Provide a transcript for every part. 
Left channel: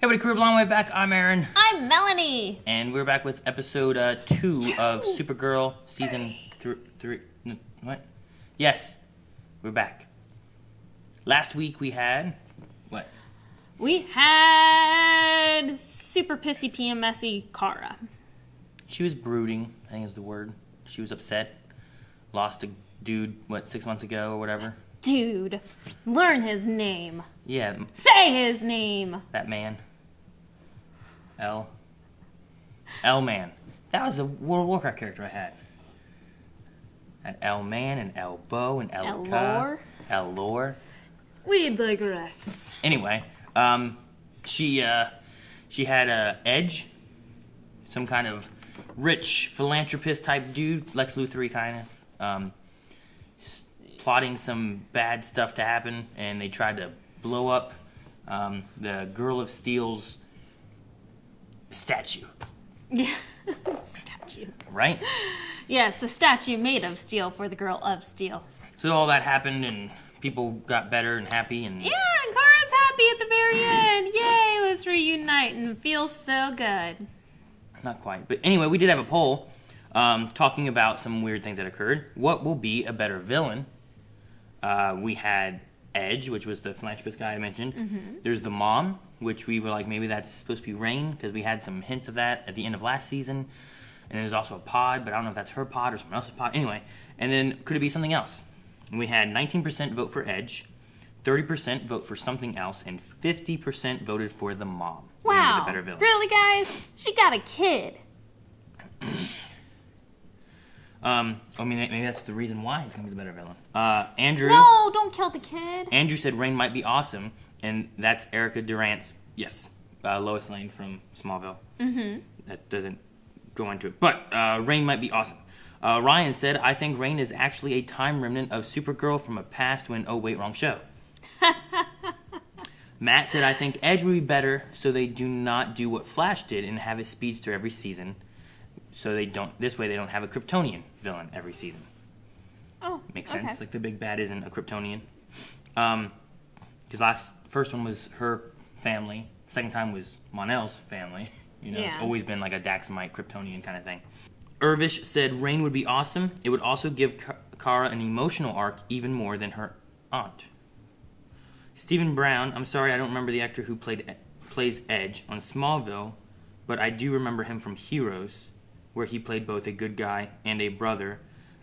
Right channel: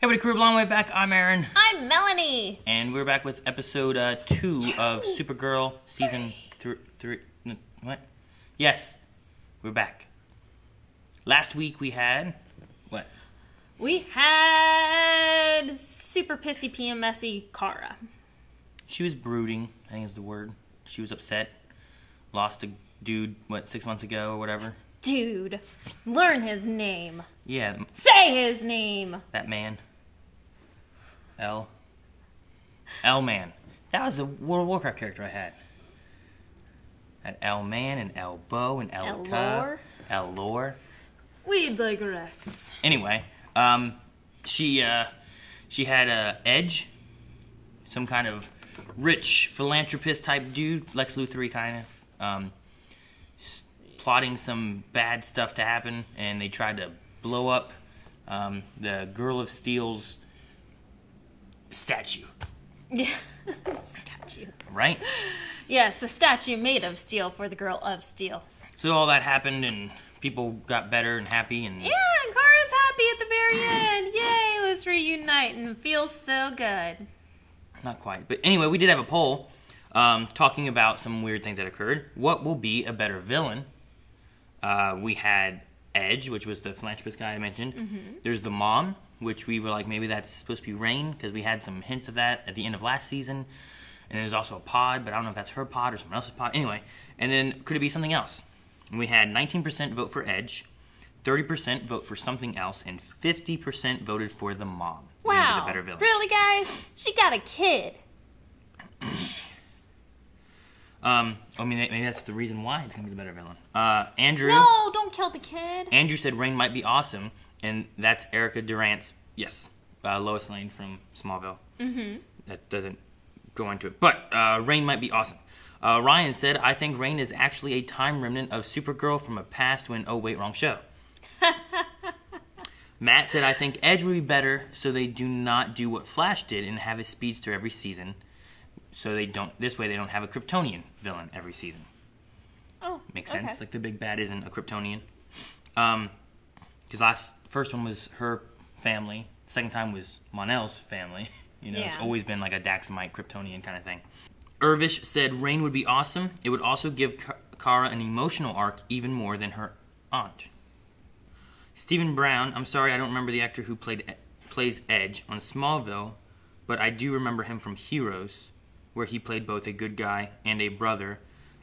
Hey everybody, crew, long way back. I'm Aaron. I'm Melanie. And we're back with episode 2 of Supergirl season 3. What? Yes, we're back. Last week we had... what? We had super pissy PMSy Kara. She was brooding, I think is the word. She was upset. Lost a dude, 6 months ago or whatever? Dude, learn his name. Yeah. Say his name. That man. L-Man. That was a World of Warcraft character I had. I had L-Man and L-Bow and L-Ka. L-Lore. We digress. Anyway, she had Edge, some kind of rich philanthropist type dude, Lex Luthor kind of, plotting some bad stuff to happen, and they tried to blow up the Girl of Steel's statue. Yeah, statue. Right? Yes, the statue made of steel for the Girl of Steel. So all that happened, and people got better and happy, and... yeah, and Kara's happy at the very end. Yay, let's reunite and feel so good. Not quite. But anyway, we did have a poll talking about some weird things that occurred. What will be a better villain? We had Edge, which was the philanthropist guy I mentioned. Mm-hmm. There's the mom, which we were like, maybe that's supposed to be Rain, because we had some hints of that at the end of last season. And there's also a pod, but I don't know if that's her pod or someone else's pod. Anyway, and then could it be something else? And we had 19% vote for Edge, 30% vote for something else, and 50% voted for the mom. Wow. The better villain. Really, guys? She got a kid. I mean, maybe that's the reason why it's going to be the better villain. Andrew... no, don't kill the kid. Andrew said Rain might be awesome, and that's Erica Durant's, yes, Lois Lane from Smallville. Mm-hmm. That doesn't go into it. But Rain might be awesome. Ryan said, I think Rain is actually a time remnant of Supergirl from a past when, oh wait, wrong show. Matt said, I think Edge would be better so they do not do what Flash did and have a speedster every season. So they don't, this way they don't have a Kryptonian villain every season. Oh, makes sense. okay. Like the big bad isn't a Kryptonian. Because first one was her family. Second time was Mon-El's family. You know, yeah. It's always been like a Daxamite Kryptonian kind of thing. Irvish said Rain would be awesome. It would also give Kara an emotional arc even more than her aunt. Stephen Brown, I'm sorry I don't remember the actor who plays Edge on Smallville, but I do remember him from Heroes, where he played both a good guy and a brother,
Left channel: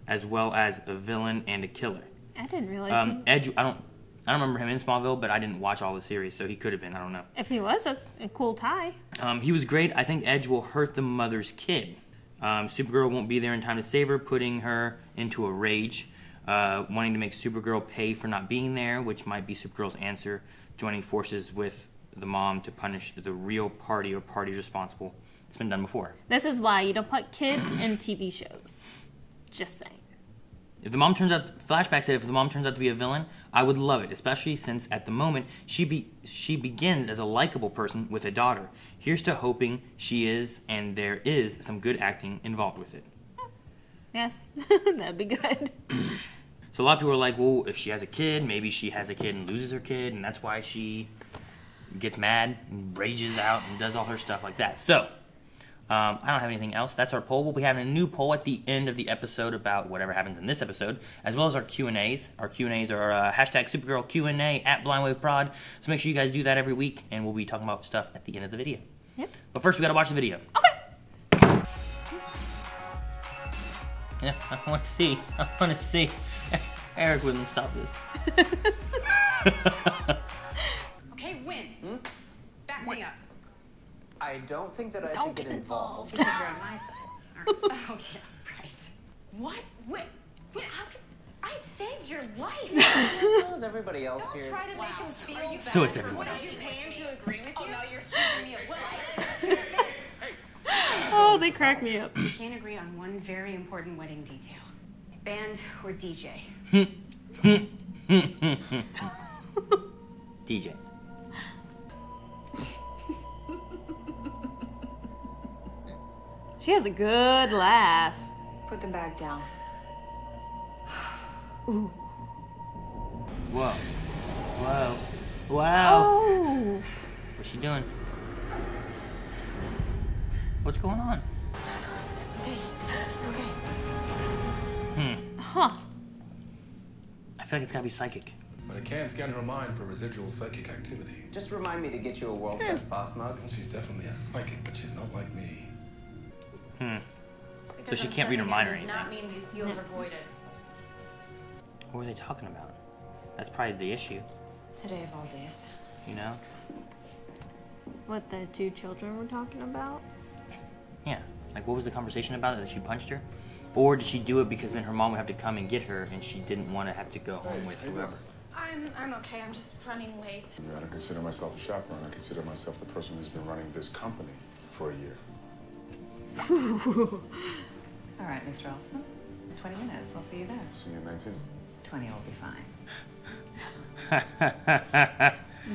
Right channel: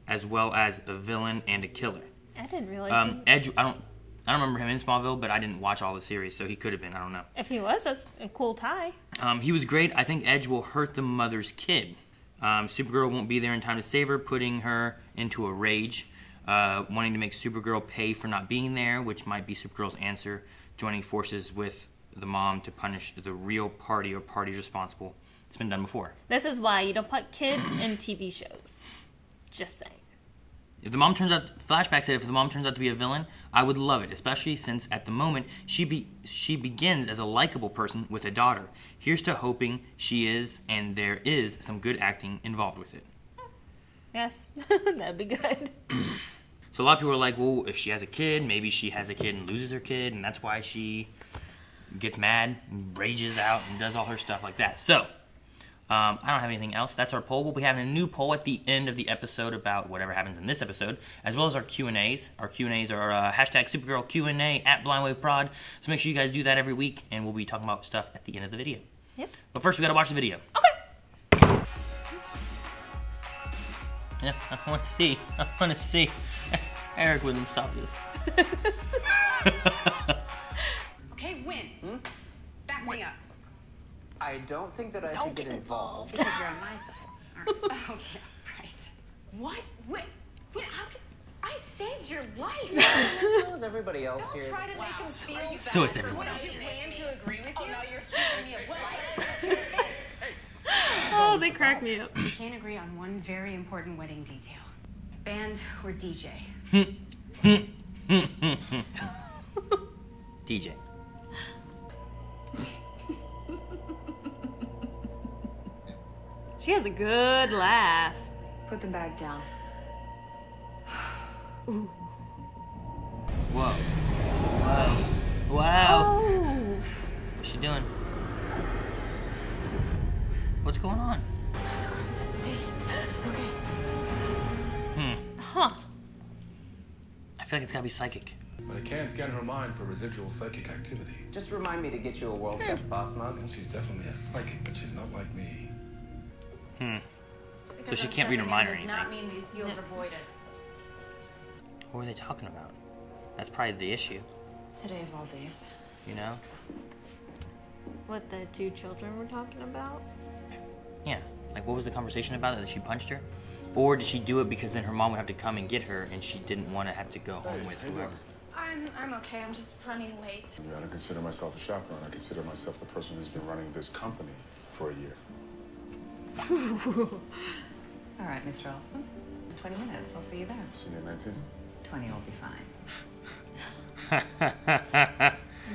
as well as a villain and a killer. I didn't realize Edge, I don't remember him in Smallville, but I didn't watch all the series, so he could have been. I don't know. If he was, that's a cool tie. He was great. I think Edge will hurt the mother's kid. Supergirl won't be there in time to save her, putting her into a rage, wanting to make Supergirl pay for not being there, which might be Supergirl's answer, joining forces with the mom to punish the real party or parties responsible. It's been done before. This is why you don't put kids in TV shows. Just saying. If the mom turns out, Flashback said, if the mom turns out to be a villain, I would love it, especially since at the moment she begins as a likable person with a daughter. Here's to hoping she is, and there is some good acting involved with it. Yes, that'd be good. So a lot of people are like, well, if she has a kid, maybe she has a kid and loses her kid, and that's why she gets mad and rages out and does all her stuff like that. So, I don't have anything else. That's our poll. We'll be having a new poll at the end of the episode about whatever happens in this episode, as well as our Q&As. Our Q&As are hashtag Supergirl Q&A at BlindWaveProd. So make sure you guys do that every week, and we'll be talking about stuff at the end of the video. Yep. But first, we got to watch the video. Okay. Yeah, I want to see. I want to see. Eric wouldn't stop this. Okay, win. Back me up. I don't think that I should get involved. Because you're on my side, aren't you? Oh, yeah, right. What? Wait, how could... I saved your life. So is everybody else Don't here. try to make him feel bad So is for everybody. what you plan to agree with you. Oh, no, you're accusing me of what? Oh, they crack me up. We can't agree on one very important wedding detail. Band or DJ? DJ. She has a good laugh. Put the bag down. Ooh. Whoa. Whoa. Wow. Oh. What's she doing? What's going on? It's okay. It's okay. Huh. I feel like it's gotta be psychic. But I can scan her mind for residual psychic activity. Just remind me to get you a world's best boss mug. Well, she's definitely a psychic, but she's not like me. So she can't read her mind or does anything. not mean these deals are voided. What were they talking about? That's probably the issue, Today of all days. you know? What the two children were talking about? Yeah. Like, what was the conversation about? That she punched her? Or did she do it because then her mom would have to come and get her and she didn't want to have to go home with whoever? I'm okay. I'm just running late. I don't consider myself a chaperone. I consider myself the person who's been running this company for a year. All right, Mr. Olson. 20 minutes. I'll see you there. See you at 19. 20 will be fine.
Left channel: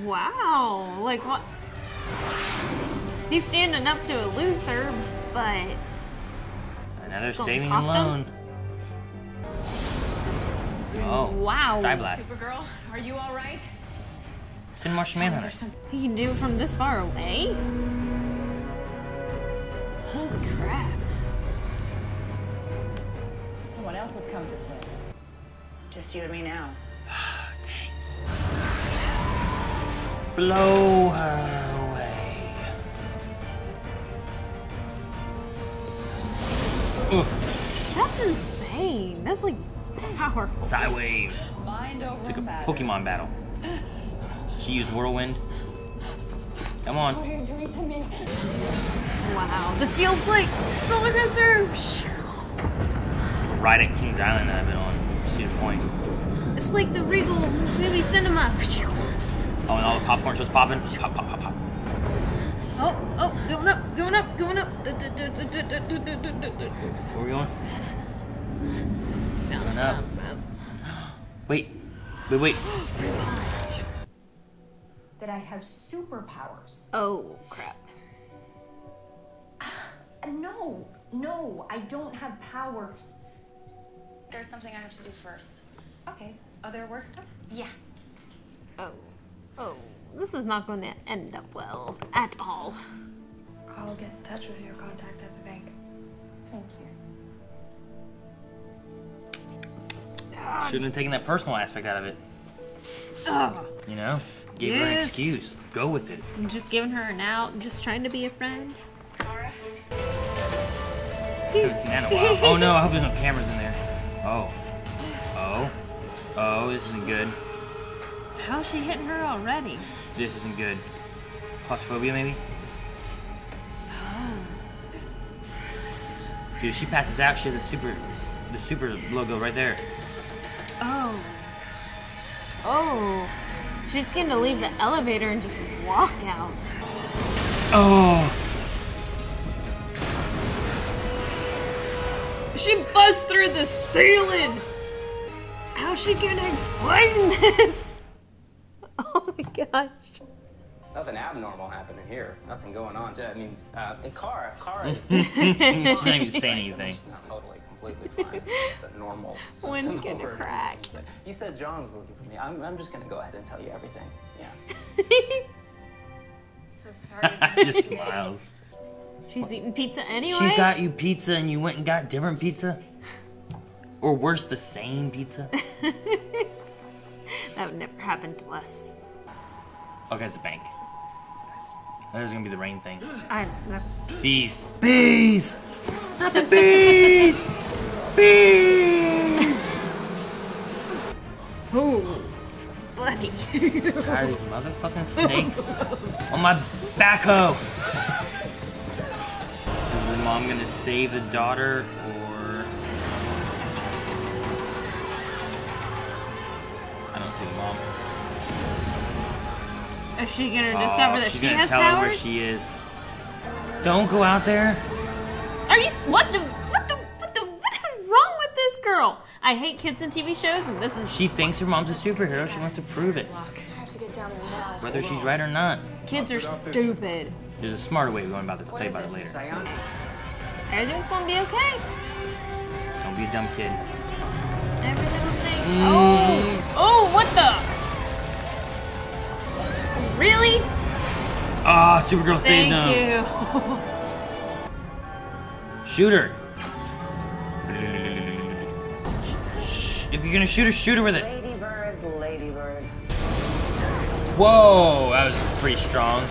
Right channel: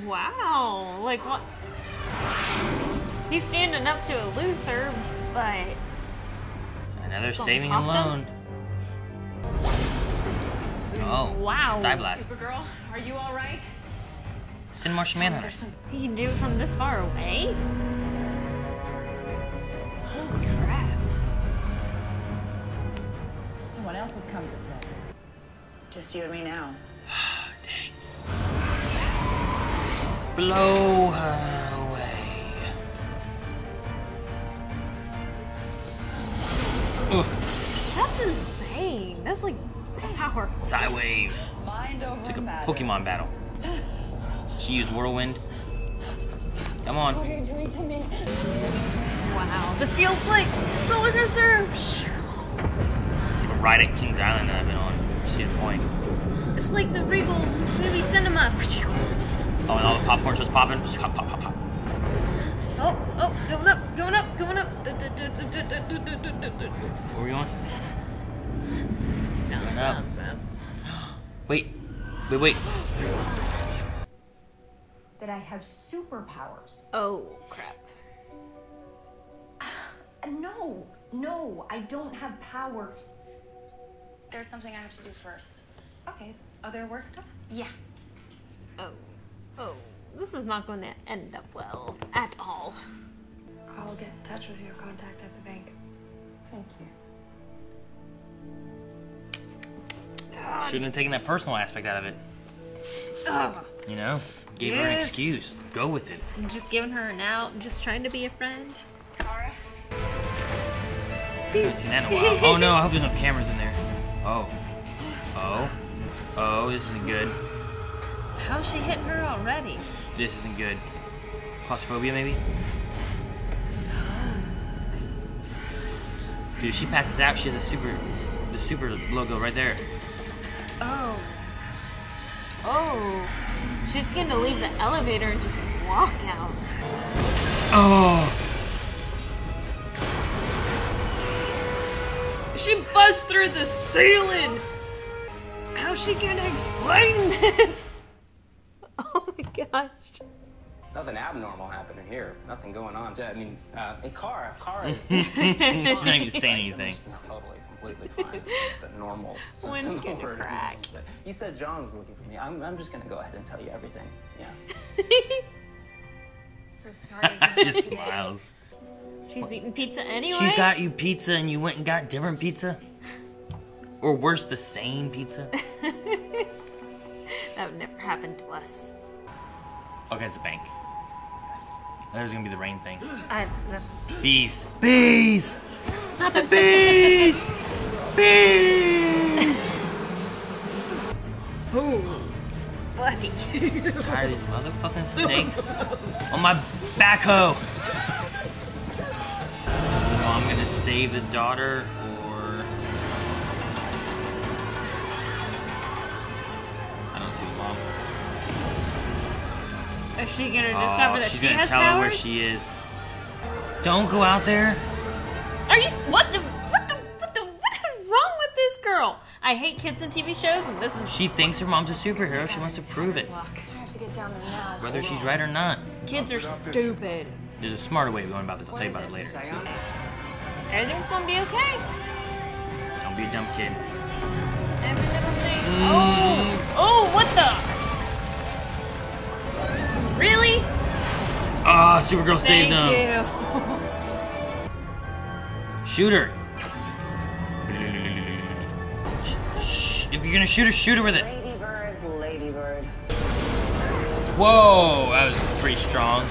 Wow. Like, what? He's standing up to a Luther, but... Another saving and loan. Oh, wow. Side blast. Supergirl, are you all right? Send Martian Manhunter. He can do it from this far away? Holy crap. Someone else has come to play. Just you and me now. Dang. Blow her away. Ugh. That's insane. That's like power. Side wave. Mind over It's like a matter. Pokemon battle. She used Whirlwind. Come on. What are you doing to me? Wow. This feels like roller coaster. It's like a ride at Kings Island that I've been on. Cedar Point. It's like the Regal movie cinema. Oh, and all the popcorn starts popping. Pop, pop, pop, pop. Oh, going up, going up, going up. Where are we going? Bounce, Up. bounce, bounce. Wait. Wait. That I have superpowers. Oh, crap. No, I don't have powers. There's something I have to do first. Okay, so other work stuff? Yeah. Oh, this is not going to end up well at all. I'll get in touch with your contact at the bank. Thank you. She didn't taking that personal aspect out of it. Ugh. You know? Gave her an Yes. excuse. Go with it. I'm just giving her an out, just trying to be a friend. Kara? I haven't seen that in a while. Oh no, I hope there's no cameras in there. Oh, this isn't good. How's she hitting her already? This isn't good. Claustrophobia, maybe? Dude, she passes out. She has the super logo right there. Oh. She's gonna leave the elevator and just walk out. Oh. She busts through the ceiling! How's she gonna explain this? Oh my gosh. Nothing abnormal happening here. Nothing going on. I mean, hey, Kara is... She's not even saying anything. She's not totally, completely fine. But normal sense One's of the gonna word. crack. You said John was looking for me. I'm just going to go ahead and tell you everything. Yeah. So sorry. She just smiles. She's eating pizza anyway? She got you pizza and you went and got different pizza? Or worse, the same pizza? That would never happen to us. Okay, it's a bank. There's gonna be the rain thing. No. Bees. Bees! Not the bees! Bees! Ooh, buddy. Tired of these motherfucking snakes on my backhoe. Is the mom gonna save the daughter or... I don't see the mom. Is she gonna discover that she's she gonna has tell her where powers? she is. Don't go out there. Are you? What is wrong with this girl? I hate kids in TV shows, and this is She thinks her mom's a superhero. She wants to prove it, I have to get down there now. whether she's right or not. kids are stupid. There's a smarter way of going about this. I'll tell you is about it it? later. Psionic. Everything's gonna be okay. Don't be a dumb kid. Everything's Oh, what the? Really? Ah, Supergirl saved Thank him. you. Shoot her. If you're gonna shoot her with it. Ladybird, ladybird. Whoa, that was pretty strong.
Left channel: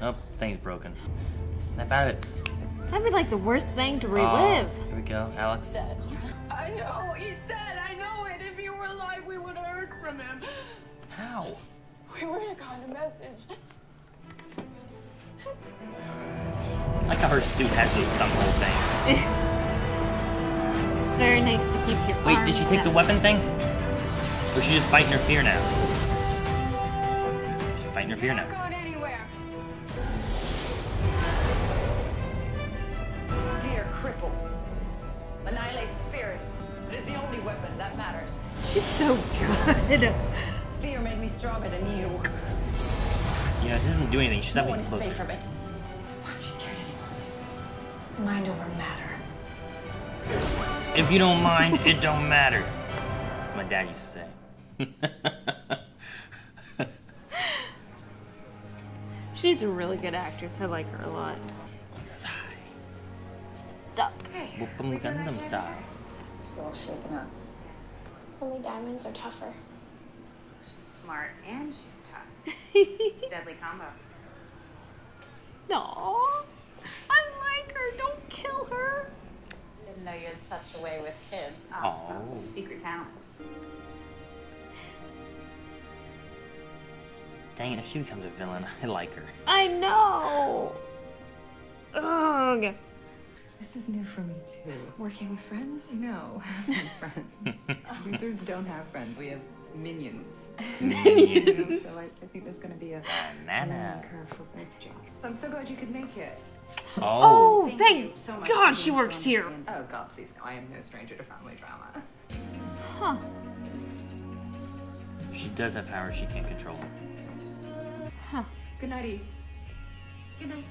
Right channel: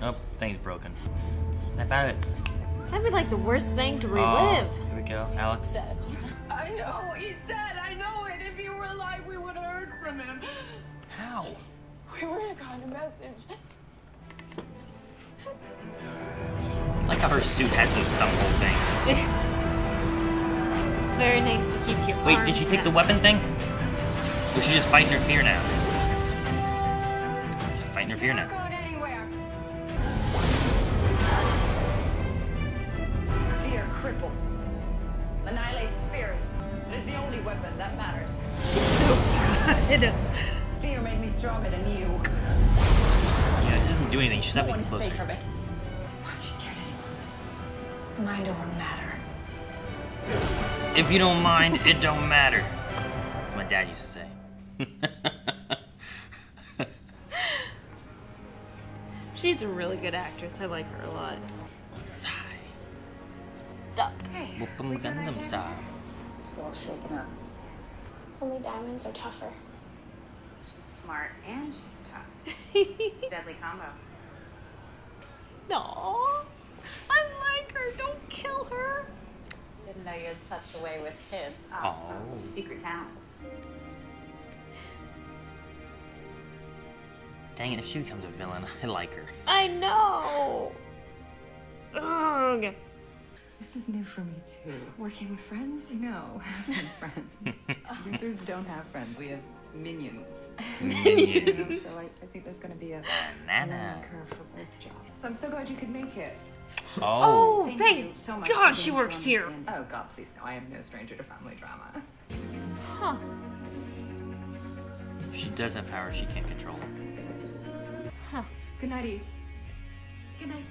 Oh, thing's broken. Snap out of it. That'd be like the worst thing to Oh, relive. here we go, Alex. I know, he's dead. I know it. If he were alive, we would have heard from him. How? We would have gotten a message. I like how her suit has those couple things. It's very nice to keep your Wait, arms did she take the down. weapon thing? Or is she just fighting her fear now? Fighting her fear You're now. not going anywhere. Fear cripples. Annihilates spirits. It is the only weapon that matters. So good. Fear made me stronger than you. You know, it doesn't do anything. She's not No one being is close. safe from it. Why aren't you scared anymore? Mind over matter. If you don't mind, it don't matter. That's what my dad used to say. She's a really good actress. I like her a lot. Hey, Whoop'em we doing dum okay? style. She's all shaken up. Only diamonds are tougher. She's smart and she's tough. It's a deadly combo. Aww. I like her. Don't kill her. Didn't know you had such a way with kids. Oh. Secret talent. Dang it, if she becomes a villain, I like her. I know. Ugh. This is new for me too. Working with friends? No, having friends. Luthers don't have friends. We have minions. Minions. You know, so I think there's going to be a learning curve for both jobs. I'm so glad you could make it. Oh. Thank you so much God for she being works so here. understanding. Oh God, please no. I am no stranger to family drama. Huh. If she does have power, she can't control it. Huh. Good nighty. Good night.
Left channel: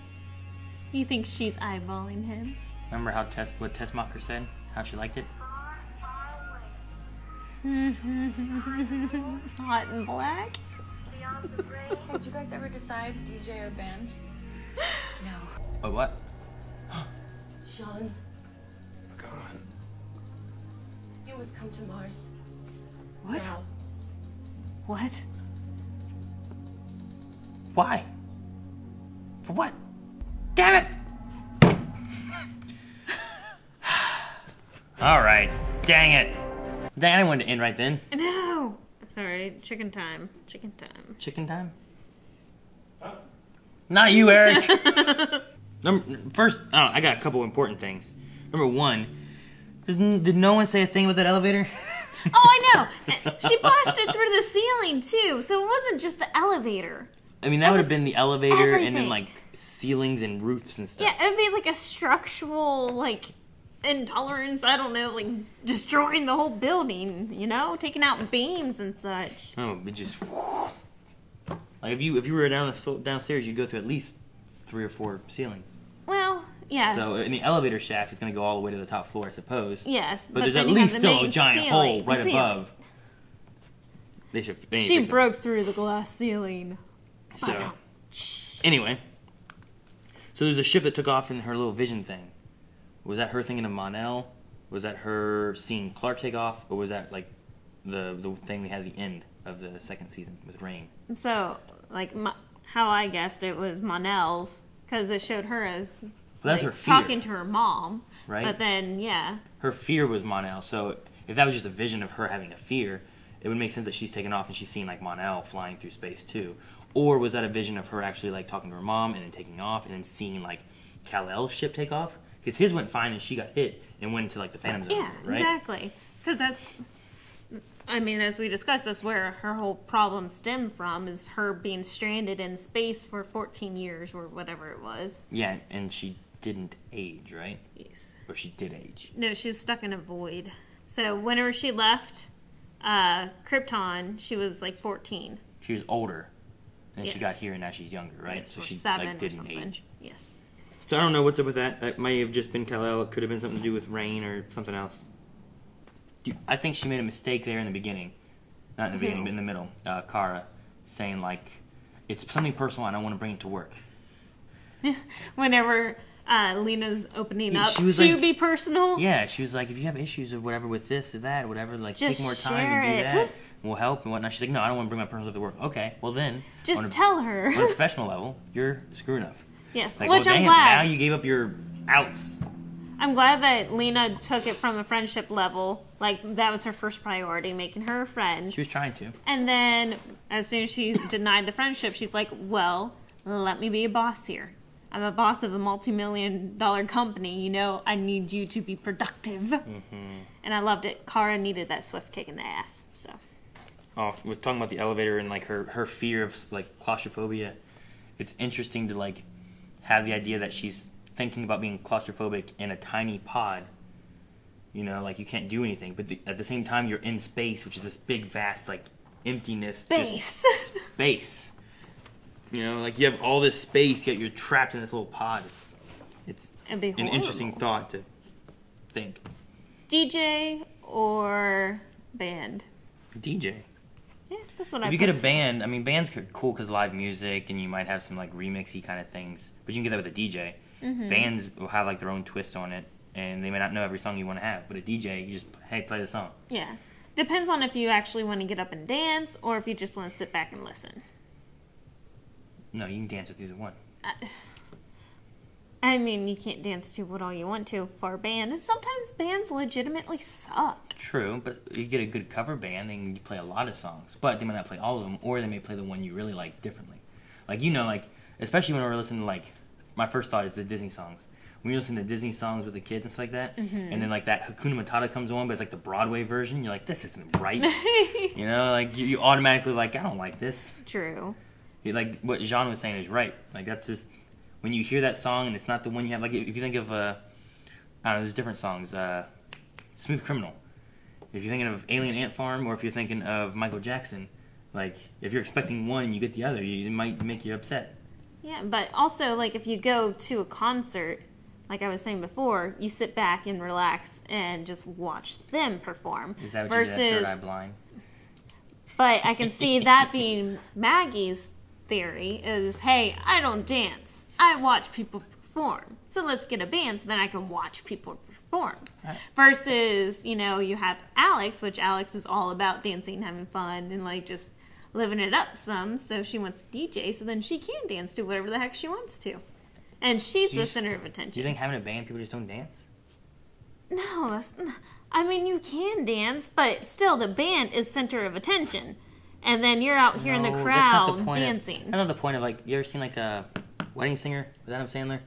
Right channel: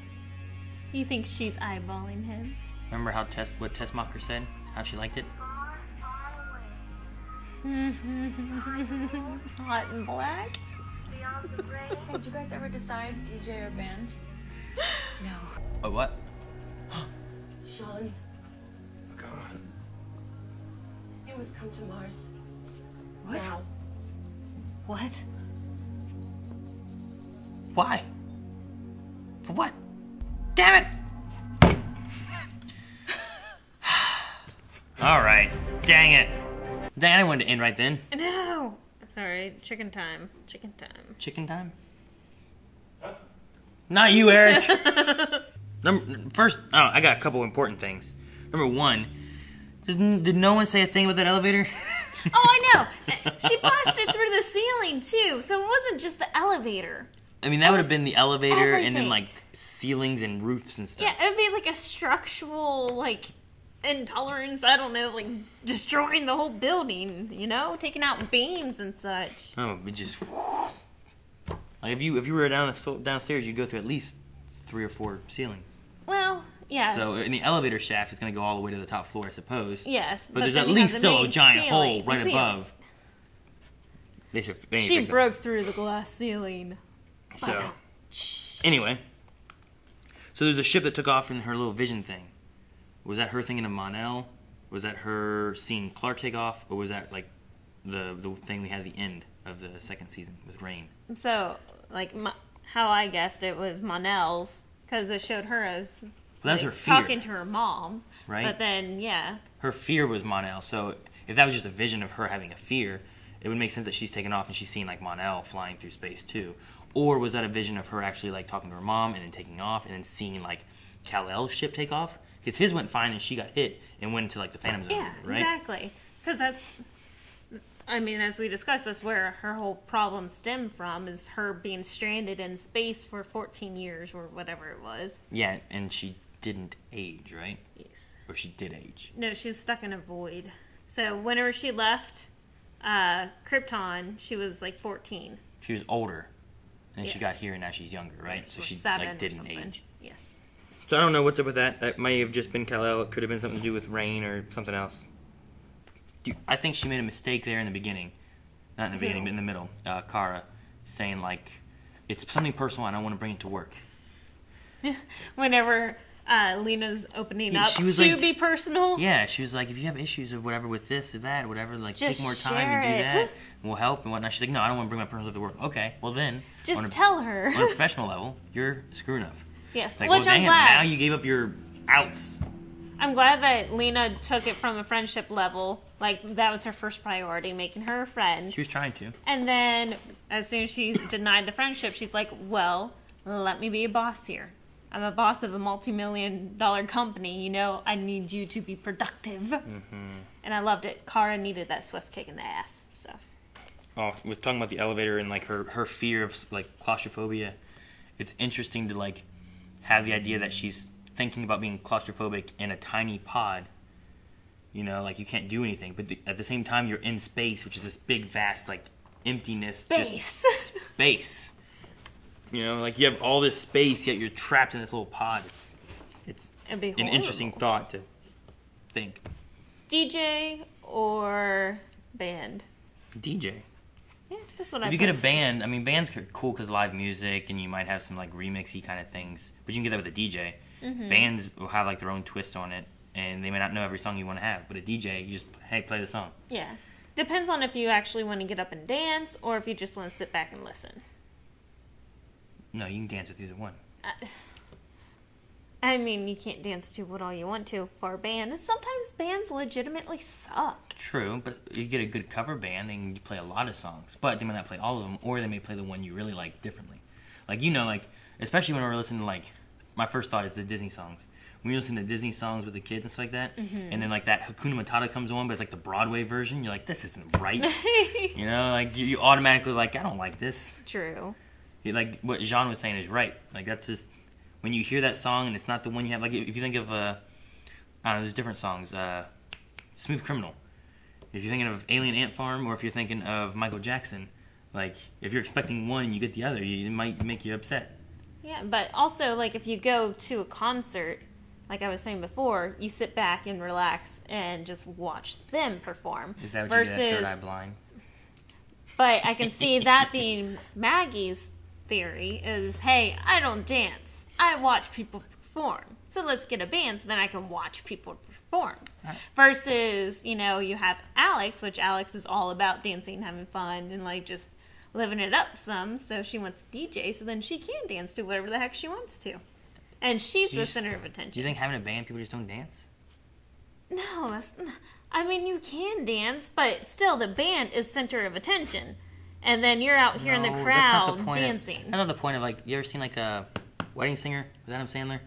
You think she's eyeballing him? Remember how what Tessmacher said? How she liked it? Hot and black? Hey, did you guys ever decide DJ or band? No. Oh, what? Sean, God. you must come to Mars. What? Now. What? Why? For what? Damn it! Alright. Dang it. Dang, I didn't want to end right then. No. Sorry. Chicken time. Chicken time. Chicken time? Not you, Eric! First, I got a couple important things. Number one, did no one say a thing about that elevator? Oh, I know. She blasted through the ceiling, too. So it wasn't just the elevator. I mean, that would have been the elevator and everything. then, like, ceilings and roofs and stuff. Yeah, it would be like a structural, like, intolerance. I don't know, like, destroying the whole building, you know? Taking out beams and such. Oh, it just... Like, if you were downstairs, you'd go through at least 3 or 4 ceilings. Well, yeah. So, in the elevator shaft, it's going to go all the way to the top floor, I suppose. Yes, But there's then at you least have the still a main giant ceiling- hole right ceiling. above. They need to She fix it. broke through the glass ceiling. So, anyway. So there's a ship that took off in her little vision thing. Was that her thinking of Mon-El? Was that her seeing Clark take off? Or was that, like, the thing we had at the end of the second season with Rain? So, like, how I guessed it was Mon-El's, because it showed her as Well, that's like, her fear. talking to her mom. Right? But then, yeah. Her fear was Mon-El. So if that was just a vision of her having a fear, it would make sense that she's taken off and she's seeing, like, Mon-El flying through space, too. Or was that a vision of her actually, like, talking to her mom and then taking off and then seeing, like, Kal-El's ship take off? Because his went fine and she got hit and went into, like, the Phantom Zone, Yeah, right? exactly. Because that's, I mean, as we discussed, that's where her whole problem stemmed from, is her being stranded in space for 14 years or whatever it was. Yeah, and she didn't age, right? Yes. Or she did age. No, she was stuck in a void. So whenever she left Krypton, she was like 14. She was older. And she Yes. got here and now she's younger, right? Yes, So or she, 7 like, or didn't something. age. Yes. So I don't know what's up with that. That may have just been Kal-El. It could have been something to do with Rain or something else. I think she made a mistake there in the beginning. Not in the beginning, but in the middle. Kara saying, like, it's something personal and I don't want to bring it to work. Whenever Lena's opening up she was to like, be personal. Yeah, she was like, if you have issues or whatever with this or that or whatever, like, just take more time and do that. We'll help and whatnot. She's like, no, I don't want to bring my personal life to work. Okay, well then. Just tell her. On a professional level, you're screwing up. Yes, like, which well, I'm damn, glad. now you gave up your outs. I'm glad that Lena took it from a friendship level. Like, that was her first priority, making her a friend. She was trying to. And then, as soon as she denied the friendship, she's like, well, let me be a boss here. I'm a boss of a multi-million-dollar company. You know, I need you to be productive. Mm-hmm. And I loved it. Kara needed that swift kick in the ass. So. Oh, we're talking about the elevator and, like, her fear of, like, claustrophobia. It's interesting to, like, have the idea that she's thinking about being claustrophobic in a tiny pod. You know, like, you can't do anything. But at the same time, you're in space, which is this big, vast, like, emptiness. Space. Just space. You know, like, you have all this space, yet you're trapped in this little pod. It's an interesting thought to think. DJ or band? DJ. Yeah, that's what if you get a band, I mean, bands are cool because live music, and you might have some, like, remixy kind of things. But you can get that with a DJ. Mm-hmm. Bands will have, like, their own twist on it, and they may not know every song you want to have. But a DJ, you just, hey, play the song. Yeah. Depends on if you actually want to get up and dance, or if you just want to sit back and listen. No, you can dance with either one. I mean, you can't dance to what all you want to for a band. And sometimes bands legitimately suck. True, but you get a good cover band, they can play a lot of songs. But they might not play all of them, or they may play the one you really like differently. Like, you know, like, especially when we're listening to, like, my first thought is the Disney songs. When you listen to Disney songs with the kids and stuff like that, mm-hmm. and then, like, that Hakuna Matata comes on, but it's, like, the Broadway version, you're like, this isn't right. You know, like, you automatically, like, I don't like this. True. Like, what Jean was saying is right. Like, that's just... When you hear that song and it's not the one you have, like, if you think of, I don't know, there's different songs. Smooth Criminal. If you're thinking of Alien Ant Farm, or if you're thinking of Michael Jackson, like, if you're expecting one and you get the other, it might make you upset. Yeah, but also, like, if you go to a concert, like I was saying before, you sit back and relax and just watch them perform. Is that what you did, Third Eye Blind? But I can see that being Maggie's theory is, hey, I don't dance. I watch people perform. So let's get a band so then I can watch people perform. Right. Versus, you know, you have Alex, which Alex is all about dancing, having fun, and, like, just living it up some. So she wants to DJ, so then she can dance to whatever the heck she wants to. And she's the center of attention. Do you think having a band, people just don't dance? No, that's... I mean, you can dance, but still the band is center of attention. And then you're out here in the crowd dancing. That's not the point of, like, you ever seen, like, a Wedding Singer with Adam Sandler?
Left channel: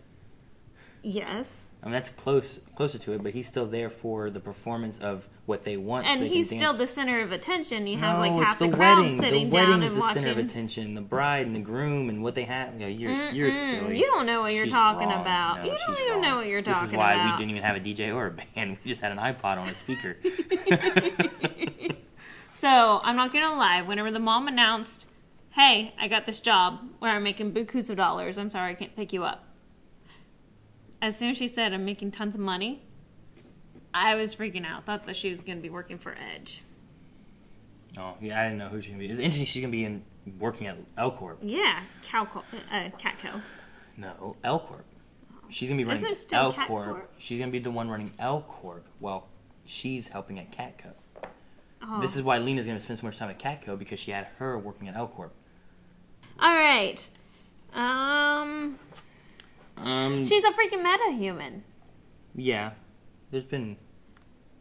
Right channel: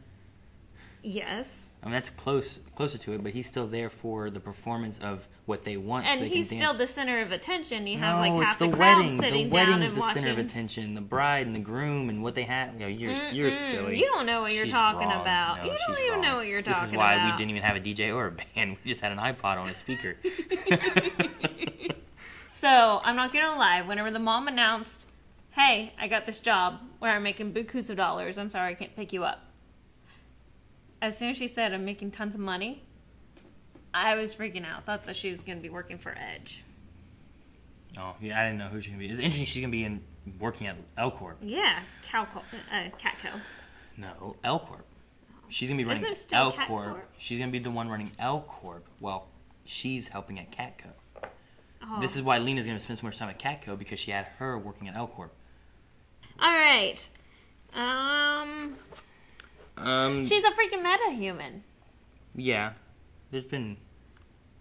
Yes. I mean, that's closer to it, but he's still there for the performance of what they want. And so they he's can still dance. The center of attention. You have, like, it's half the the crowd wedding. sitting The wedding down is and the center of watching. attention. The bride and the groom and what they have. You know, you're silly. You don't know what you're talking wrong. about. No, you don't even know what you're talking about. This is why we didn't even have a DJ or a band. We just had an iPod on a speaker. So, I'm not going to lie. Whenever the mom announced, hey, I got this job where I'm making bukus of dollars. I'm sorry, I can't pick you up. As soon as she said, I'm making tons of money, I was freaking out. Thought that she was going to be working for Edge. Oh, yeah, I didn't know who she was going to be. It's interesting she's going to be working at L Corp. Yeah, Catco. No, L Corp. She's going to be running L Corp. She's going to be the one running L Corp while she's helping at Catco. Oh. This is why Lena's going to spend so much time at Catco, because she had her working at L Corp. All right. She's a freaking meta-human. Yeah. There's been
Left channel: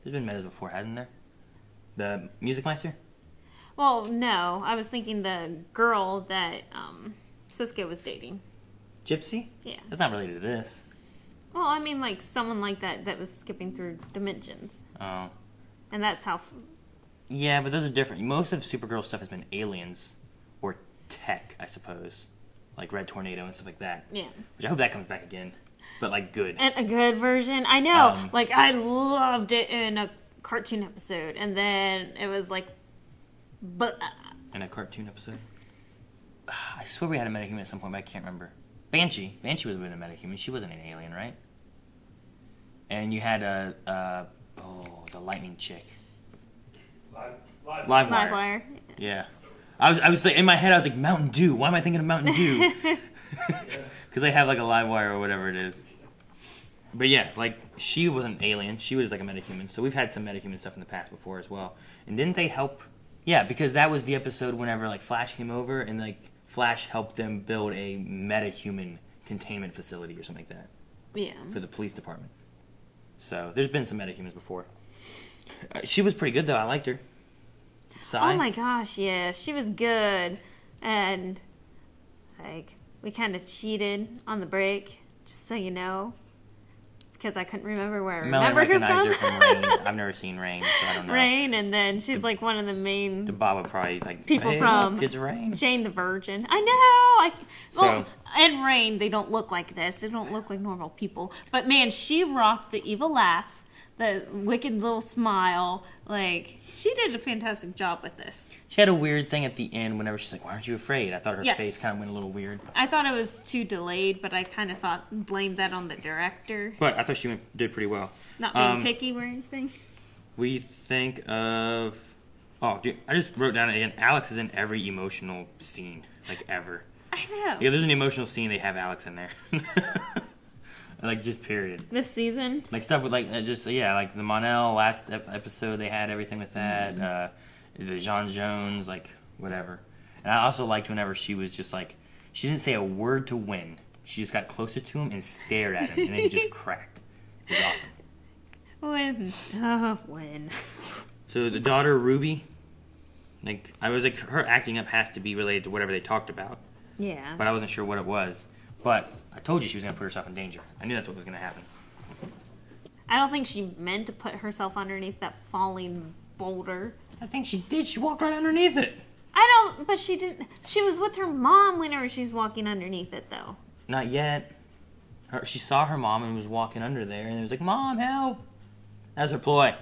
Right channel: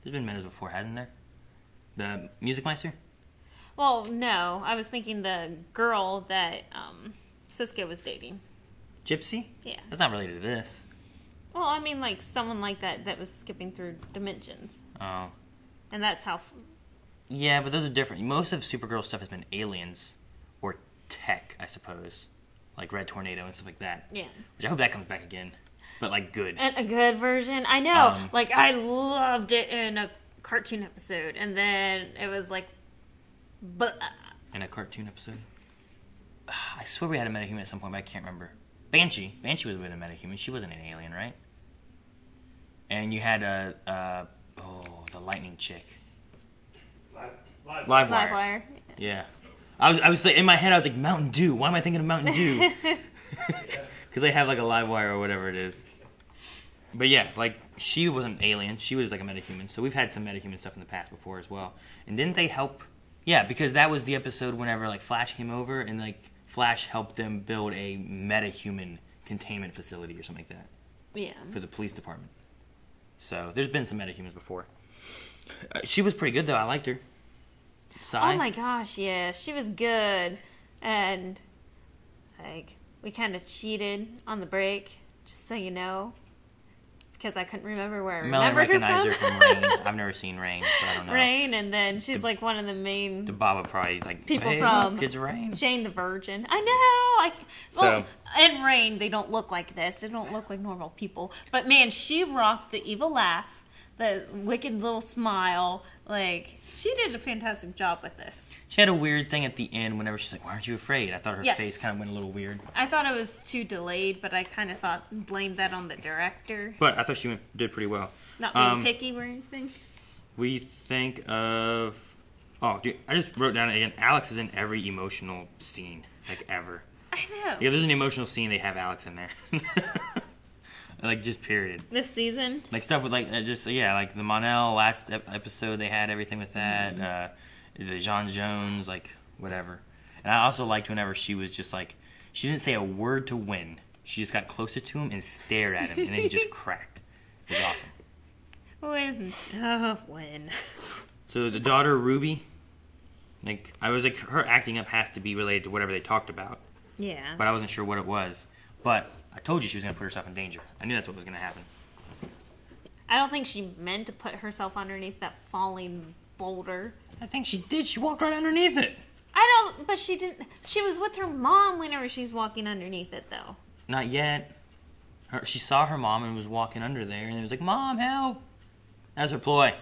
metas before, hasn't there? The Music Meister? Well, no. I was thinking the girl that Cisco was dating. Gypsy? Yeah. That's not related to this. Well, I mean, like, someone like that was skipping through dimensions. Oh. And that's how... Yeah, but those are different. Most of Supergirl stuff has been aliens or tech, I suppose. Like Red Tornado and stuff like that. Yeah. Which I hope that comes back again. But, like, good. And a good version. I know. Like, I loved it in a cartoon episode. And then it was like... In a cartoon episode? I swear we had a metahuman at some point, but I can't remember. Banshee. Banshee was with a metahuman. She wasn't an alien, right? And you had the lightning chick. Livewire. Yeah. I was in my head, I was like, Mountain Dew. Why am I thinking of Mountain Dew? Because they have, like, a Livewire or whatever it is. But yeah, like, she was an alien. She was like a metahuman. So we've had some metahuman stuff in the past before as well. And didn't they help? Yeah, because that was the episode whenever, like, Flash came over and, like, Flash helped them build a metahuman containment facility or something like that. Yeah. For the police department. So there's been some metahumans before. She was pretty good, though. I liked her. Sai? Oh my gosh, yeah. She was good. And, like, we kind of cheated on the break, just so you know. Because I couldn't remember where I remembered her recognized her from Rain. I've never seen Rain, so I don't know. Rain, and then she's like one of the main... The Bob would probably, like, people hey, from look, it's Rain. Jane the Virgin. I know! Well, in Rain, they don't look like this. They don't look like normal people. But, man, she rocked the evil laugh, the wicked little smile. Like, she did a fantastic job with this. She had a weird thing at the end whenever she's like, why aren't you afraid? I thought her face kind of went a little weird. I thought it was too delayed, but I kind of blamed that on the director. But I thought she did pretty well. Not being picky or anything. We think of... Oh, dude, I just wrote down again, Alex is in every emotional scene, like, ever. I know. Yeah, there's an emotional scene, they have Alex in there. Like, just period. This season? Like, stuff with, like, just, yeah, like, the Monel last episode, they had everything with that. The John Jones, like, whatever. And I also liked whenever she was just, like, she didn't say a word to Win. She just got closer to him and stared at him, and then he just cracked. It was awesome. Win. Oh, Win. So the daughter, Ruby, like, I was like, her acting up has to be related to whatever they talked about. Yeah. But I wasn't sure what it was. But I told you she was going to put herself in danger. I knew that's what was going to happen. I don't think she meant to put herself underneath that falling boulder. I think she did. She walked right underneath it. But she didn't. She was with her mom whenever she's walking underneath it, though. Not yet. She saw her mom and was walking under there, and it was like, Mom, help! That was her ploy.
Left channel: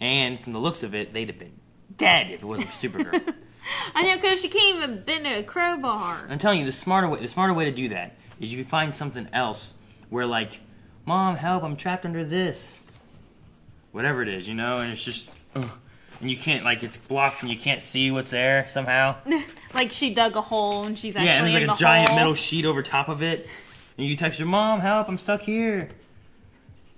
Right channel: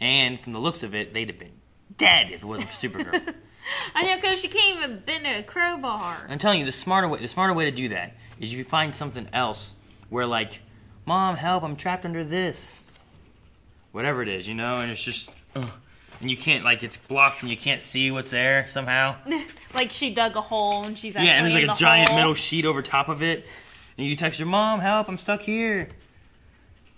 And from the looks of it, they'd have been dead if it wasn't for Supergirl. I know, because she can't even bend a crowbar. I'm telling you, the smarter way to do that is you find something else where, like, Mom, help! I'm trapped under this. Whatever it is, you know, and it's just, and you can't, like, it's blocked and you can't see what's there somehow. Like she dug a hole and she's actually and there's like a giant hole. metal sheet over top of it. And you text her, Mom, help, I'm stuck here.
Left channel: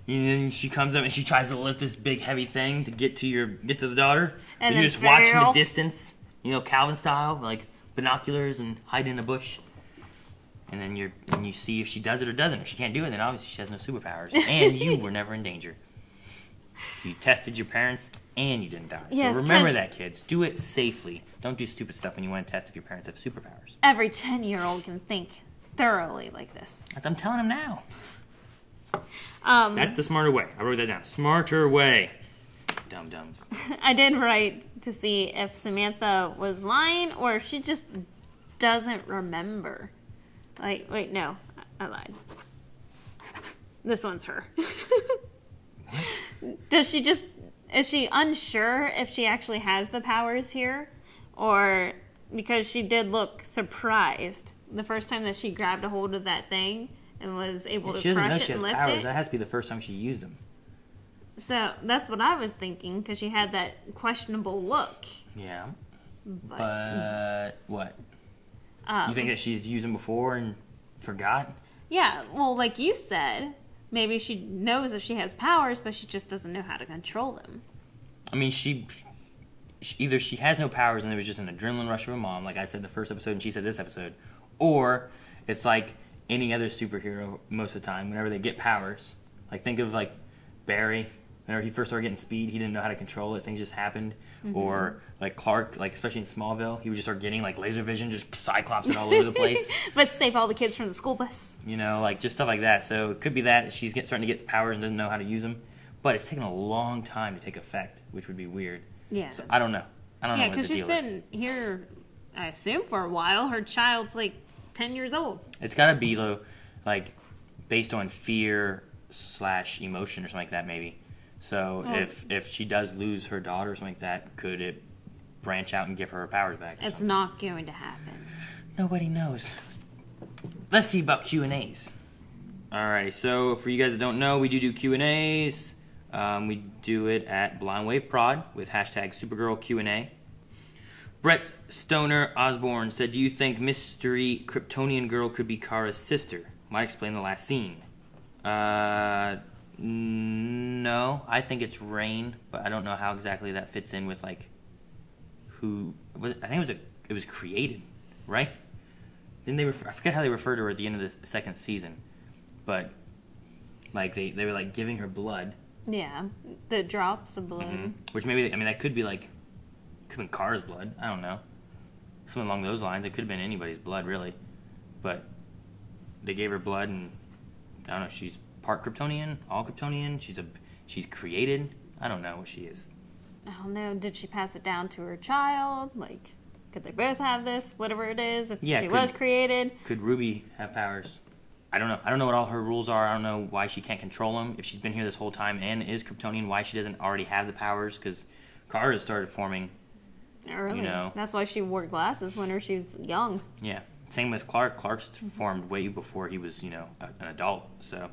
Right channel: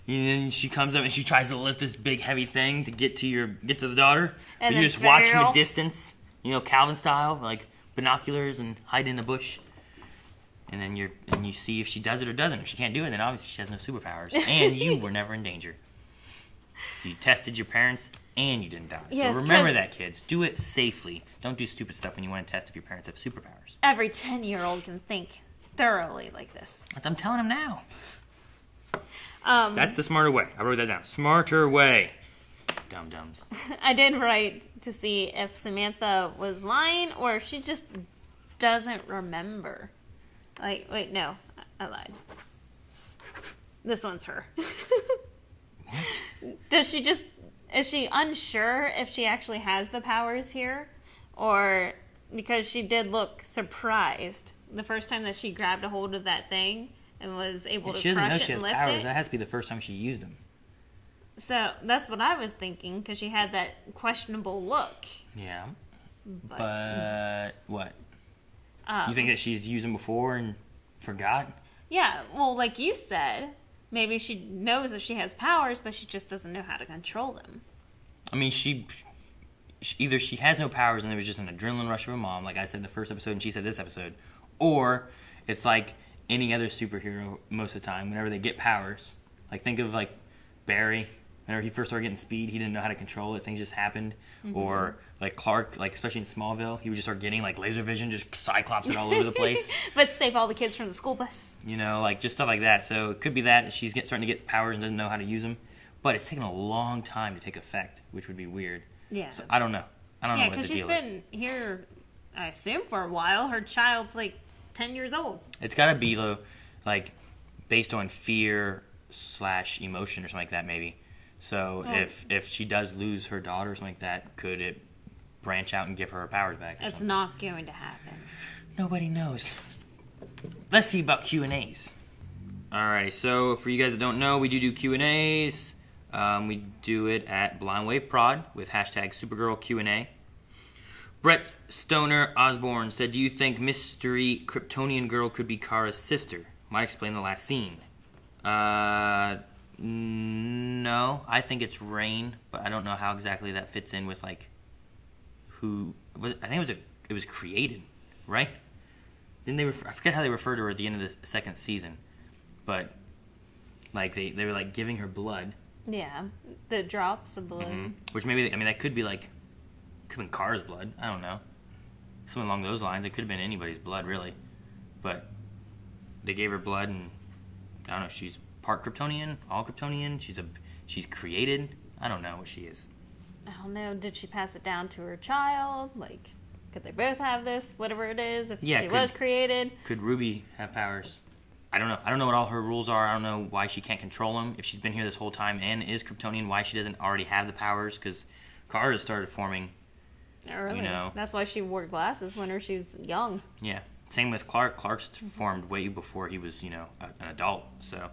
And then she comes up and she tries to lift this big heavy thing to get to the daughter. And you just watch from a distance, you know, Calvin style, like binoculars and hide in a bush. And then you see if she does it or doesn't. If she can't do it, then obviously she has no superpowers. And you were never in danger. You tested your parents and you didn't die. Yes, so remember that, kids. Do it safely. Don't do stupid stuff when you want to test if your parents have superpowers. Every 10-year-old can think thoroughly like this. I'm telling them now. That's the smarter way. I wrote that down. Smarter way. Dum-dums. I did write to see if Samantha was lying or if she just doesn't remember. Like, wait, no. I lied. This one's her. What? Is she unsure if she actually has the powers here? Or because she did look surprised the first time that she grabbed a hold of that thing and was able to crush it and lift it. That has to be the first time she used them. So that's what I was thinking because she had that questionable look. Yeah. But what? You think that she's used them before and forgot? Yeah, well, like you said, maybe she knows that she has powers, but she just doesn't know how to control them. I mean, she either she has no powers and it was just an adrenaline rush of her mom, like I said the first episode and she said this episode, or it's like any other superhero most of the time, whenever they get powers. Like, think of, like, Barry. Whenever he first started getting speed, he didn't know how to control it. Things just happened. Mm-hmm. Or, like, Clark, like, especially in Smallville, he would just start getting, like, laser vision, just cyclops it all over the place. Let's save all the kids from the school bus. You know, like, just stuff like that. So it could be that she's starting to get powers and doesn't know how to use them. But it's taken a long time to take effect, which would be weird. Yeah. So I don't know. I don't know what the deal is. Yeah, because she's been here, I assume, for a while. Her child's, like, 10 years old. It's got to be, though, like, based on fear/emotion or something like that, maybe. So if she does lose her daughter or something like that, could it branch out and give her powers back? It's not going to happen. Nobody knows. Let's see about Q&As. Alrighty, so for you guys that don't know, we do Q&As. We do it at Blind Wave Prod with hashtag Supergirl Q&A. Brett Stoner Osborne said, do you think Mystery Kryptonian Girl could be Kara's sister? Might explain the last scene. No, I think it's Rain, but I don't know how exactly that fits in with like who. I think it was created, right? Didn't they? I forget how they referred to her at the end of the second season, but like they were like giving her blood. Yeah, the drops of blood. Mm-hmm. Which maybe that could be like could have been Kara's blood. I don't know, something along those lines. It could have been anybody's blood really, but they gave her blood, and I don't know. She's part Kryptonian, all Kryptonian. She's created. I don't know what she is. I don't know. Did she pass it down to her child? Like, could they both have this? Whatever it is, if she was created. Could Ruby have powers? I don't know. I don't know what all her rules are. I don't know why she can't control them. If she's been here this whole time and is Kryptonian, why she doesn't already have the powers? Because Kara started forming early. You know, that's why she wore glasses when she was young. Yeah. Same with Clark. Clark's formed way before he was, an adult. So,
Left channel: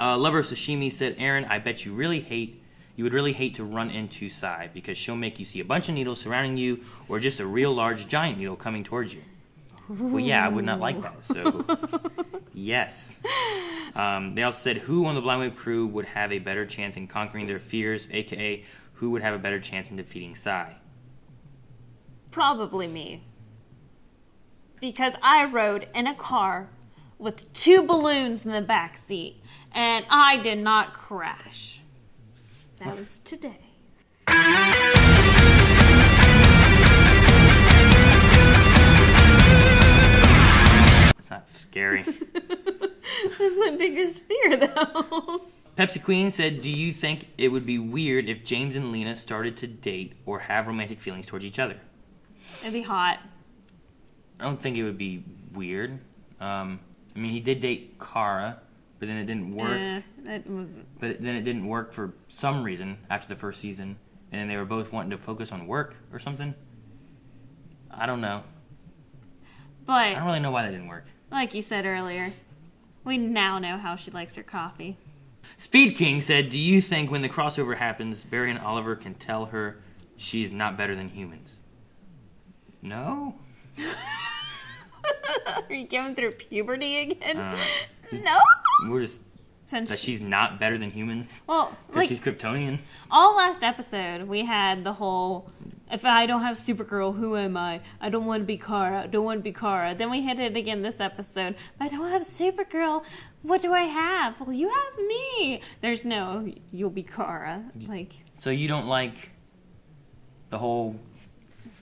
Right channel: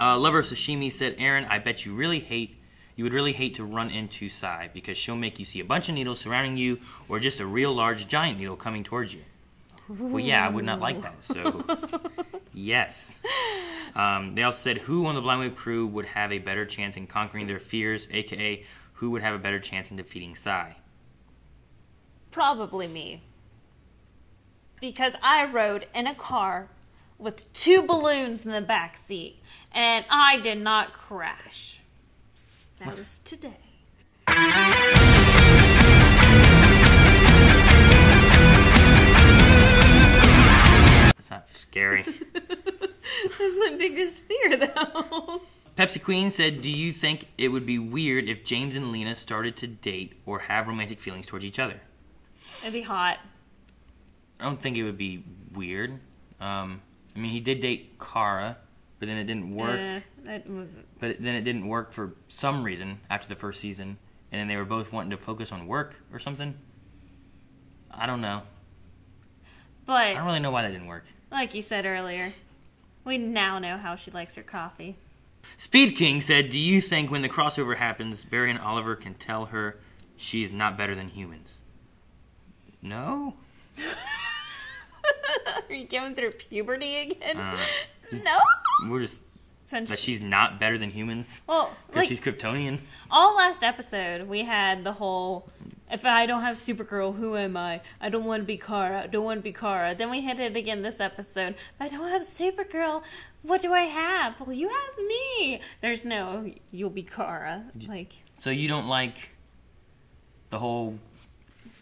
Lover Sashimi said, Aaron, I bet you would really hate to run into Sai because she'll make you see a bunch of needles surrounding you or just a real large giant needle coming towards you. Well, yeah, I would not like that. So, yes. They also said, who on the Blind Wave crew would have a better chance in conquering their fears, a.k.a. who would have a better chance in defeating Sai? Probably me. Because I rode in a car with 2 balloons in the back seat, and I did not crash. That was today. That's not scary. That's my biggest fear, though. Pepsi Queen said, do you think it would be weird if James and Lena started to date or have romantic feelings towards each other? It'd be hot. I don't think it would be weird. He did date Kara, but then it didn't work. But then it didn't work for some reason after the first season, and then they were both wanting to focus on work or something. I don't know. But I don't really know why that didn't work. Like you said earlier, we now know how she likes her coffee. Speed King said, do you think when the crossover happens, Barry and Oliver can tell her she's not better than humans? No? Are you going through puberty again? No? We're just... that she's not better than humans? Well, because she's Kryptonian? All last episode, we had the whole, if I don't have Supergirl, who am I? I don't want to be Kara. I don't want to be Kara. Then we hit it again this episode. If I don't have Supergirl, what do I have? Well, you have me. There's no, you'll be Kara. So you don't like the whole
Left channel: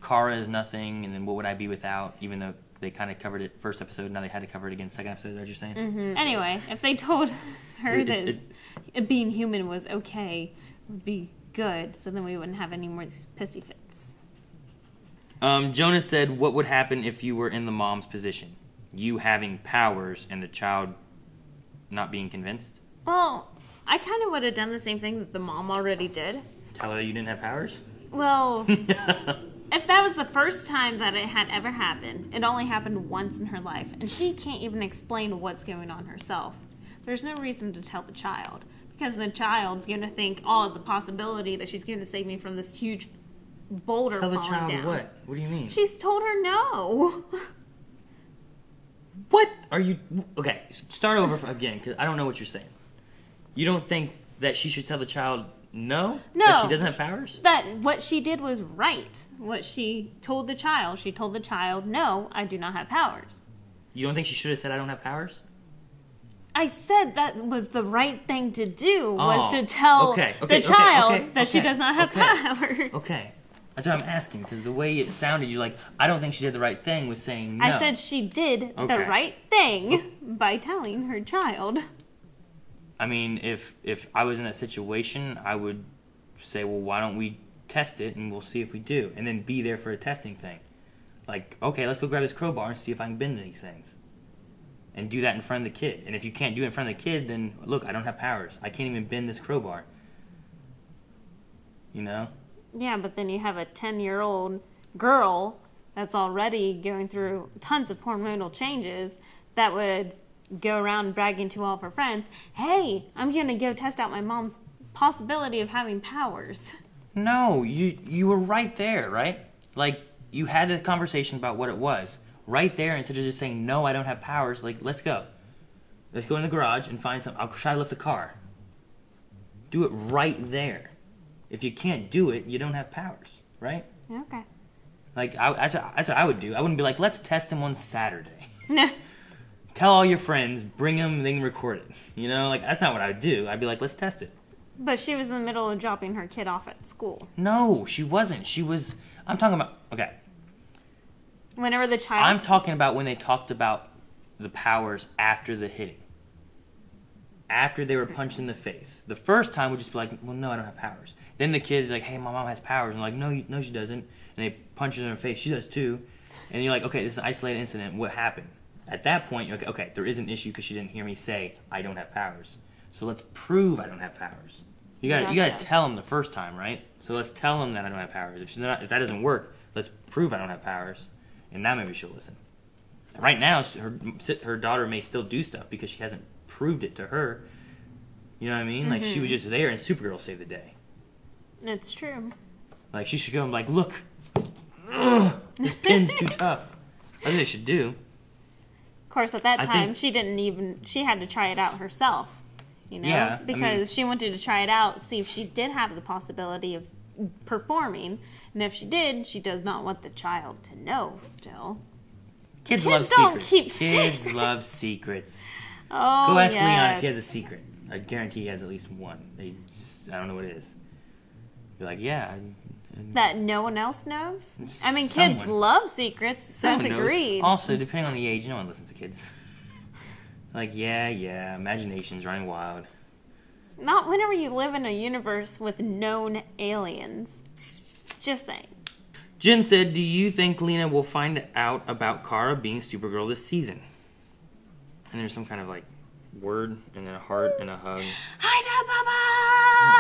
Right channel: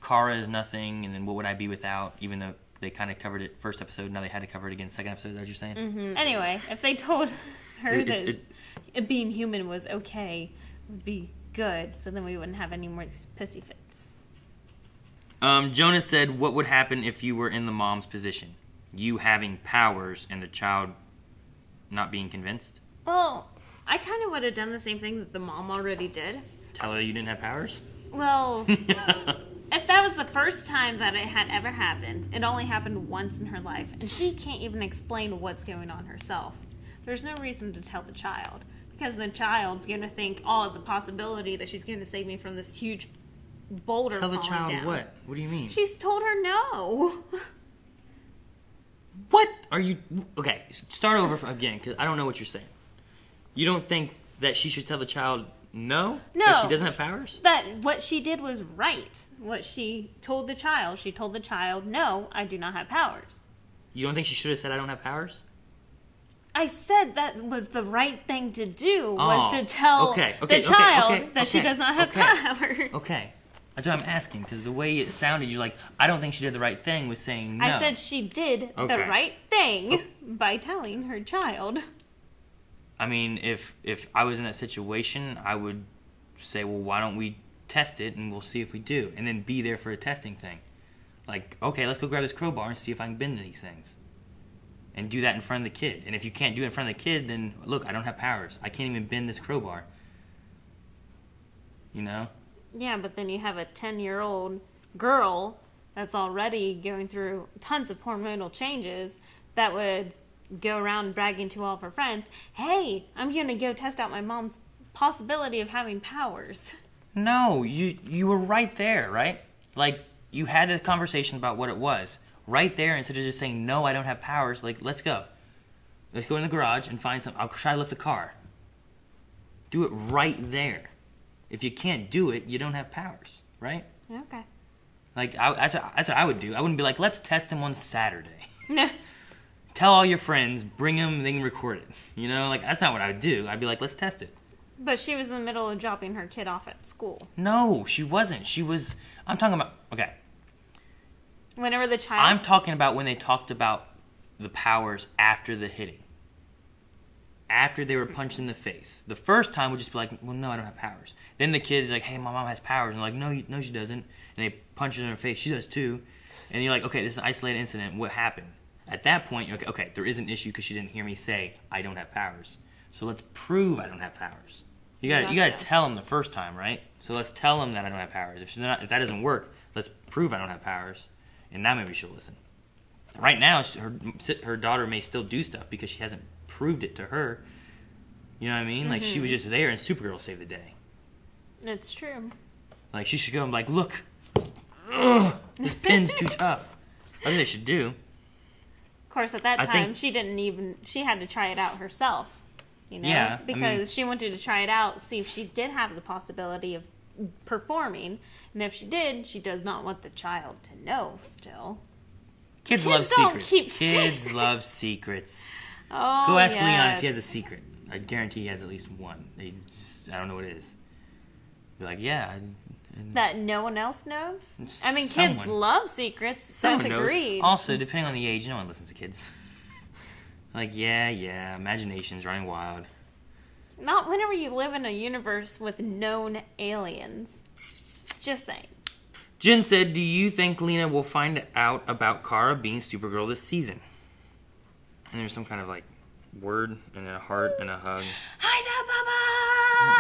Kara is nothing, and then what would I be without, even though they kind of covered it first episode, now they had to cover it again second episode, is that what you're saying? Mm-hmm. Anyway, if they told her that being human was okay, it would be good, so then we wouldn't have any more of these pissy fits. Jonah said, what would happen if you were in the mom's position? You having powers and the child not being convinced? Well, I kind of would have done the same thing that the mom already did. Tell her you didn't have powers? Well... If that was the first time that it had ever happened, it only happened once in her life, and she can't even explain what's going on herself. There's no reason to tell the child, because the child's going to think, oh, it's a possibility that she's going to save me from this huge boulder falling down. Tell the child what? What do you mean? She's told her no. What are you... Okay, start over again, because I don't know what you're saying. You don't think that she should tell the child... No? That she doesn't have powers? That what she did was right. What she told the child, no, I do not have powers. You don't think she should have said, I don't have powers? I said that was the right thing to do, was to tell the child that she does not have powers. Okay. That's what I'm asking, because the way it sounded, you're like, I don't think she did the right thing with saying no. I said she did the right thing by telling her child. I mean, if I was in that situation, I would say, well, why don't we test it and we'll see if we do. And then be there for a testing thing. Like, okay, let's go grab this crowbar and see if I can bend these things. And do that in front of the kid. And if you can't do it in front of the kid, then look, I don't have powers. I can't even bend this crowbar. You know? Yeah, but then you have a 10-year-old girl that's already going through tons of hormonal changes that would... go around bragging to all of her friends, hey, I'm going to go test out my mom's possibility of having powers. No, you were right there, right? Like, you had the conversation about what it was. Right there, instead of just saying, no, I don't have powers, like, let's go. Let's go in the garage and find some. I'll try to lift the car. Do it right there. If you can't do it, you don't have powers, right? Okay. Like, that's what I would do. I wouldn't be like, let's test him on Saturday. No. Tell all your friends, bring them, they can record it. You know, like, that's not what I would do. I'd be like, let's test it. But she was in the middle of dropping her kid off at school. No, she wasn't. I'm talking about, okay. Whenever the child... I'm talking about when they talked about the powers after the hitting. After they were punched in the face. The first time would just be like, well, no, I don't have powers. Then the kid's like, hey, my mom has powers. And like, no, she doesn't. And they punch her in the face. She does too. And you're like, okay, this is an isolated incident. What happened? At that point, you're like, okay, there is an issue because she didn't hear me say I don't have powers. So let's prove I don't have powers. You gotta tell them the first time, right? So let's tell them that I don't have powers. If that doesn't work, let's prove I don't have powers. And now maybe she'll listen. Right now, her daughter may still do stuff because she hasn't proved it to her. You know what I mean? Like, she was just there and Supergirl saved the day. It's true. Like, she should go and like, look. Ugh, this pin's too tough. I think they should do. Of course, at that time, she had to try it out herself. You know? Yeah. Because she wanted to try it out, see if she did have the possibility of performing. And if she did, she does not want the child to know still. Kids love secrets. Kids love secrets. Oh, go ask Leon if he has a secret. I guarantee he has at least one. I don't know what it is. Be like, yeah. That no one else knows? I mean, kids love secrets. Someone agreed. Also, depending on the age, no one listens to kids. Like, yeah, imagination's running wild. Not whenever you live in a universe with known aliens. Just saying. Jen said, do you think Lena will find out about Kara being Supergirl this season? And there's some kind of, like, word and a heart and a hug. No,